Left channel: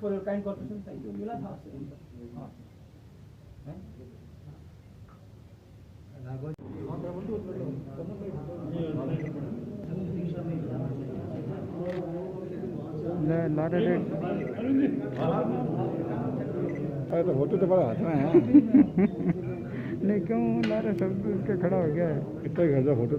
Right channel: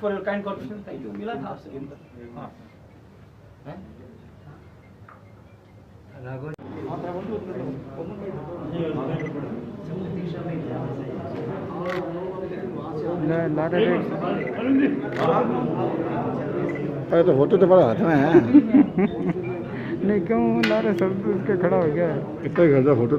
For your kind corporation, thank you, मिला था आपसे। हाँ अरे तो फोटो तो बड़ा हाथ में है। नहीं क्यों ला रहे, सब तो उसके खड़ा हो गया है। कितना गंदा फोटो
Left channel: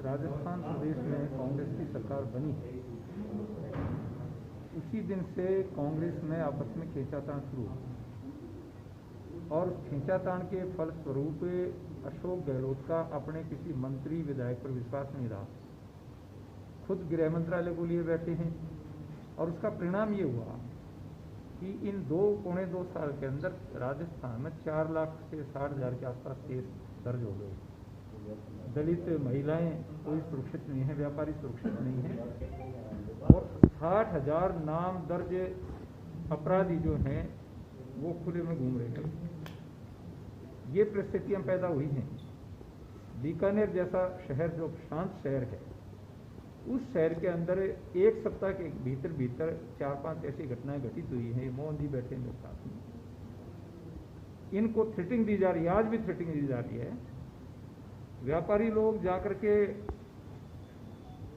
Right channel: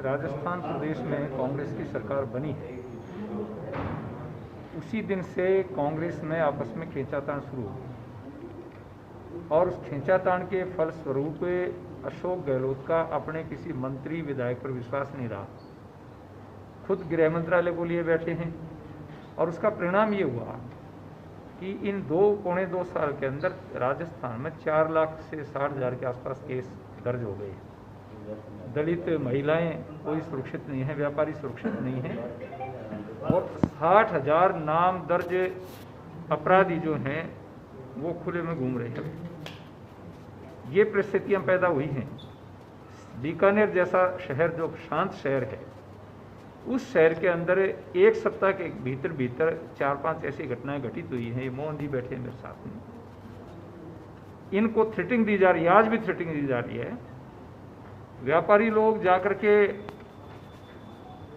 राजस्थान प्रदेश में कांग्रेस की सरकार बनी है, उसी दिन से कांग्रेस में आपस में खींचातान शुरू हुआ और उस खींचातान के फलस्वरूप अशोक गहलोत का अपने किसी मंत्री विधायक पर विश्वास नहीं रहा, खुद गृह मंत्रालय को लिए बैठे हैं और उसका परिणाम ये हुआ कि इन पौने दो साल के अंदर राजस्थान में 4 लाख से 60,000 के आसपास केस दर्ज हो गए। दलित महिलाएं कोई सुरक्षित नहीं है, व्यापारी सुरक्षित नहीं है और 60,000 नाम दर्ज अपराधी जो हैं वो खुले में घूम रहे हैं। ये परिस्थितियां पैदा हुई हैं। बीकानेर जैसा शहर जो शांत शहर है, उस शहर के अंदर एक सप्ताह के भीतर 4-5 ऐसी घटनाएं घटित हुई हैं। ये मोहन जी बैठे हैं मेरे साथ में, इनको थ्रेटिंग दी जा रही है, आज भी थ्रेटिंग दी जा रही है। व्यापारी लोग जाकर के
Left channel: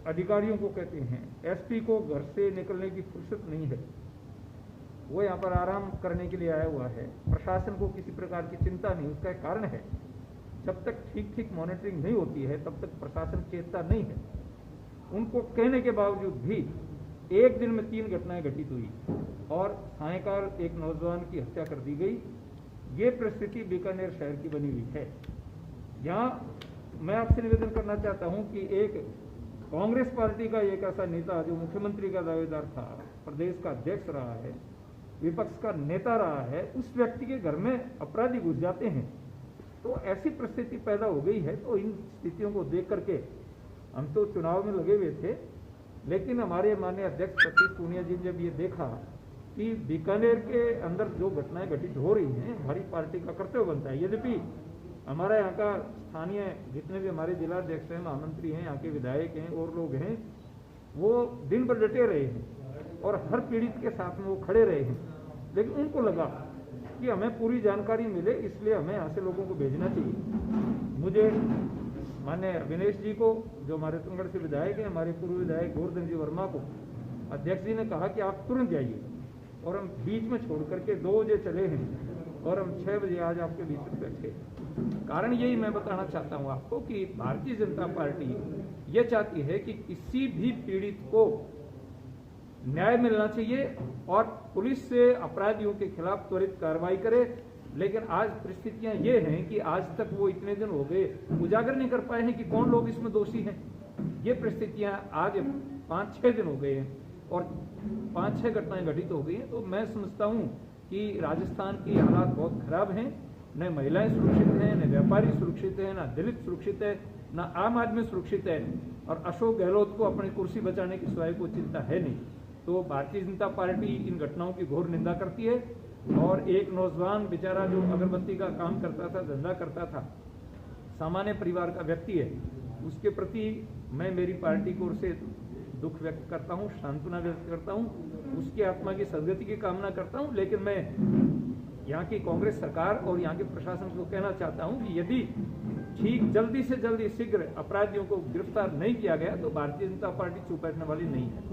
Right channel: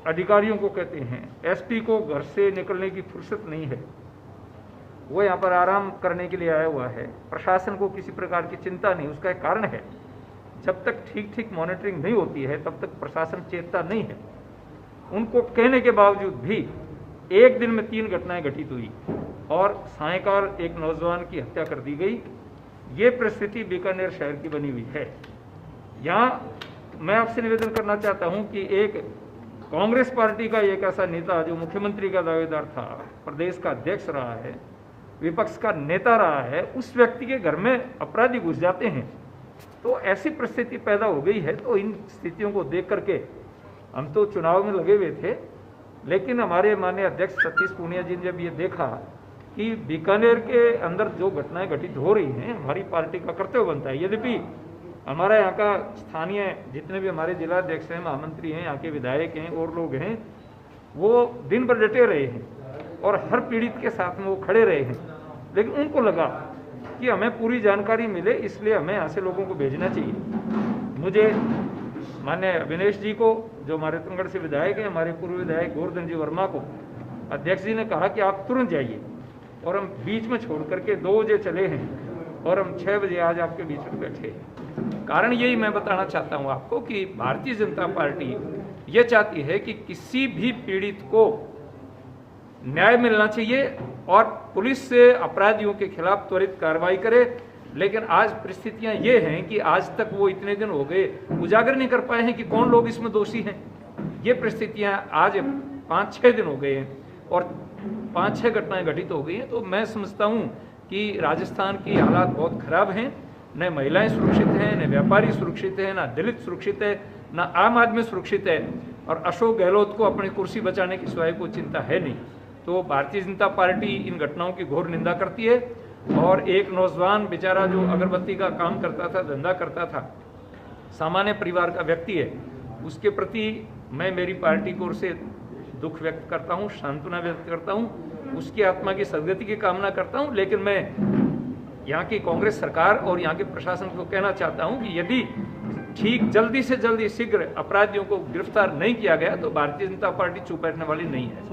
अधिकारियों को कहते हैं, एसपी को घर से निकलने की फुर्सत नहीं है, वो यहाँ पर आराम करने के लिए आया हुआ है, प्रशासन को किसी प्रकार की चिंता नहीं। उसका एक कारण है, जब तक ठीक मॉनिटरिंग नहीं होती है तब तक प्रशासन चेतता नहीं है। उनको कहने के बावजूद भी एक दिन में 3 घटनाएं घटित हुई और सायंकाल एक नौजवान की हत्या कर दी गई। ये परिस्थिति बीकानेर शहर की बनी हुई है। यहाँ मैं आपसे निवेदन करना चाहता हूं कि एक कांग्रेस पार्टी का एक ऐसा नेता जो मुख्यमंत्री का दावेदार था, प्रदेश का अध्यक्ष रहा है, विपक्ष का नेता रहा है, उस व्यक्ति के घर में अपराधी घुस जाते हैं, तो ऐसी परिस्थिति पैदा हो गई है। तो इन स्थितियों को देख करके हम तो चुनाव में लगे हुए थे, लेकिन हमारे माननीय अध्यक्ष सतीश पूनिया जी ने जब ये देखा कि बीकानेर के अंदर जो घटनाएं घटित हो रही हैं, हमारी पार्टी का कर्तव्य बनता है। यद्यपि हमारा यहाँ का स्थानीय जितने भी हमारे जिलाध्यक्ष हैं, महामंत्री हैं, यहाँ के विधायक हैं और लोग हैं, वो दिन भर डटे रहे हैं और हर पीड़ित के साथ में वो खड़े रहे हैं, लेकिन उनको लगा कि हमें पूरी जानकारी मिले, इसलिए हमें यहाँ से लोगों को भेजना चाहिए। मुझे माननीय अविनेश जी को, जो हमारे रतनगढ़ से विधायक हैं, हमारे पूर्व विधायक गोवर्धन जी वर्मा को अध्यक्ष जी ने कहा कि आप तुरंत जाइए, और हम बीच में छोड़ करके 2 बजे चले हैं और हम 6 बजे आज आपके बीच में बैठे हैं। कारण यही मैं बताना चाहता हूँ आपको कि भारतीय जनता पार्टी ये चाहती है कि किसी भी पीड़ित को न्याय मिलना चाहिए और पुलिस से अपराधियों के खिलाफ त्वरित कार्रवाई करे। लेकिन आज परिस्थितियां ये हैं कि आज तक वो इतने दिन हो गए उजागर नहीं कर पाए हैं कि कौन लोग इसमें दोषी हैं। ये परिस्थितियां आज 5-6 दिन हो गए हैं और 5-6 घटनाएं घटित हो गई हैं। तो मैं समझता हूं कि राजस्थान की हालात बहुत खराब हैं, न महिलाएं सुरक्षित हैं, न व्यापारी सुरक्षित है, न दलित सुरक्षित है, न आम आदमी सुरक्षित है, और अशोक गहलोत को अपनी कुर्सी बचाने की सिवाय कोई चिंता है नहीं। तो भारतीय जनता पार्टी इन घटनाओं की घोर निंदा करती है और एक नौजवान बेचारा जो अगरबत्ती का काम करता था, धंधा करता था, सामान्य परिवार का व्यक्ति है, उसके प्रति मैं मेरी पार्टी की ओर से दुख व्यक्त करता हूँ, सांत्वना व्यक्त करता हूँ, उसकी आत्मा की सदगति की कामना करता हूँ। लेकिन मैं यहाँ की कांग्रेस सरकार और यहाँ के प्रशासन को कहना चाहता हूँ कि यदि ठीक जल्दी से जल्दी शीघ्र अपराधियों को गिरफ्तार नहीं किया गया तो भारतीय जनता पार्टी चुप बैठने वाली नहीं है।